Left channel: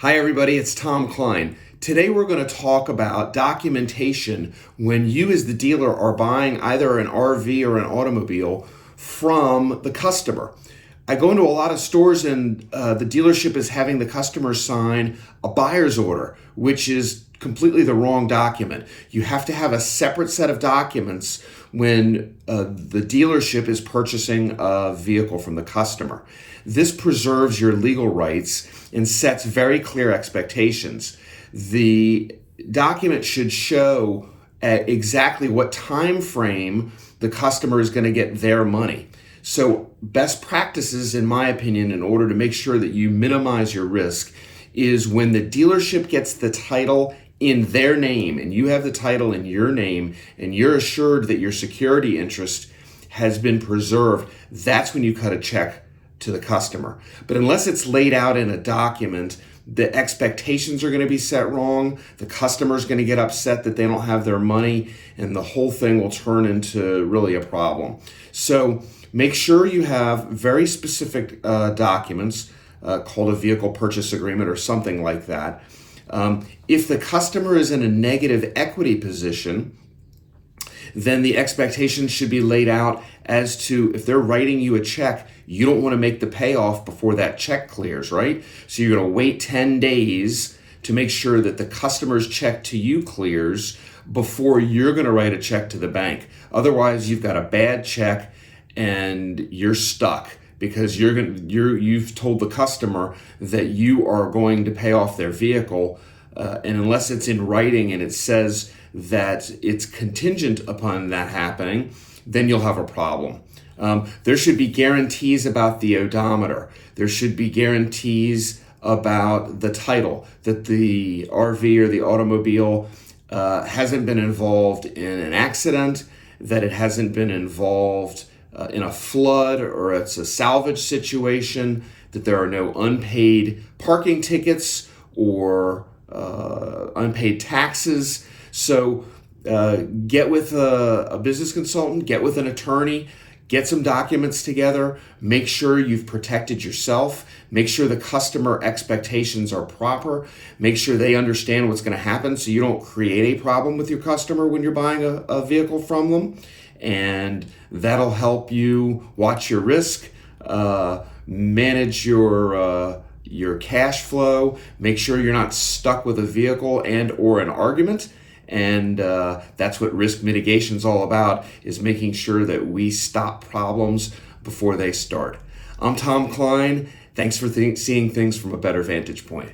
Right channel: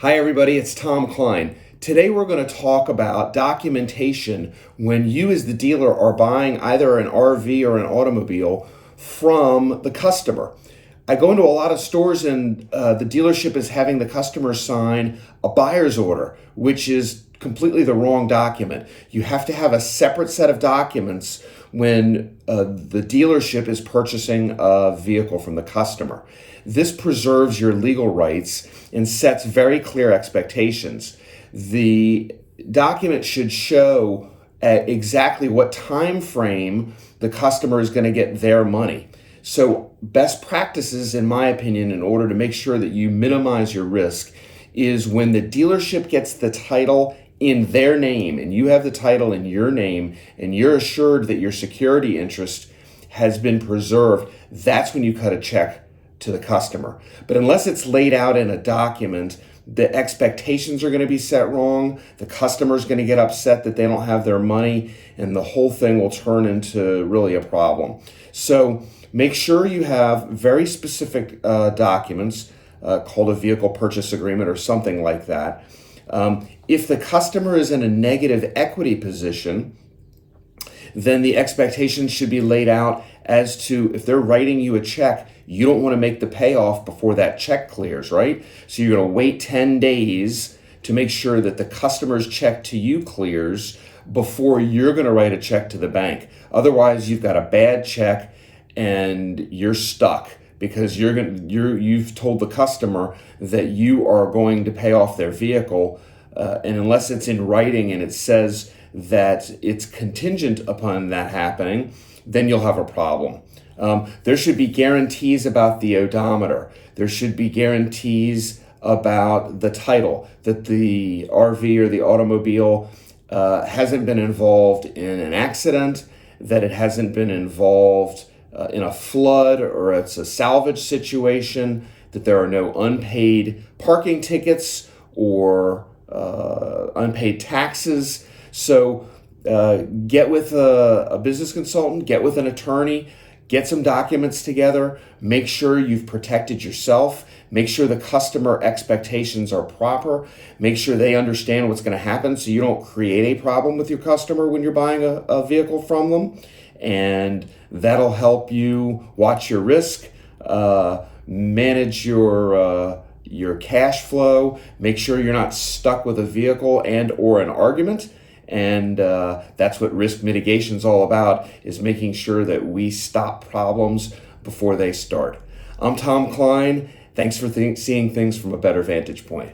Hi everybody, it's Tom Kline. Today we're going to talk about documentation when you as the dealer are buying either an RV or an automobile from the customer. I go into a lot of stores and the dealership is having the customer sign a buyer's order, which is completely the wrong document. You have to have a separate set of documents when the dealership is purchasing a vehicle from the customer. This preserves your legal rights and sets very clear expectations. The document should show exactly what time frame the customer is going to get their money. So best practices, in my opinion, in order to make sure that you minimize your risk, is when the dealership gets the title in their name and you have the title in your name and you're assured that your security interest has been preserved, that's when you cut a check to the customer. But unless it's laid out in a document, the expectations are going to be set wrong. The customer's going to get upset that they don't have their money, and the whole thing will turn into really a problem. So make sure you have very specific documents called a vehicle purchase agreement or something like that. If the customer is in a negative equity position, then the expectations should be laid out as to if they're writing you a check, you don't want to make the payoff before that check clears, right? So you're going to wait 10 days to make sure that the customer's check to you clears before you're going to write a check to the bank. Otherwise, you've got a bad check and you're stuck because you've told the customer that you are going to pay off their vehicle, and unless it's in writing and it says that it's contingent upon that happening, then you'll have a problem. There should be guarantees about the odometer. There should be guarantees about the title, that the RV or the automobile hasn't been involved in an accident, that it hasn't been involved in a flood or it's a salvage situation, that there are no unpaid parking tickets or unpaid taxes. So get with a business consultant, get with an attorney, get some documents together, make sure you've protected yourself, make sure the customer expectations are proper, make sure they understand what's going to happen so you don't create a problem with your customer when you're buying a vehicle from them. And that'll help you watch your risk, manage your cash flow, make sure you're not stuck with a vehicle and or an argument. And that's what risk mitigation is all about, is making sure that we stop problems before they start. I'm Tom Kline. Thanks for seeing things from a better vantage point.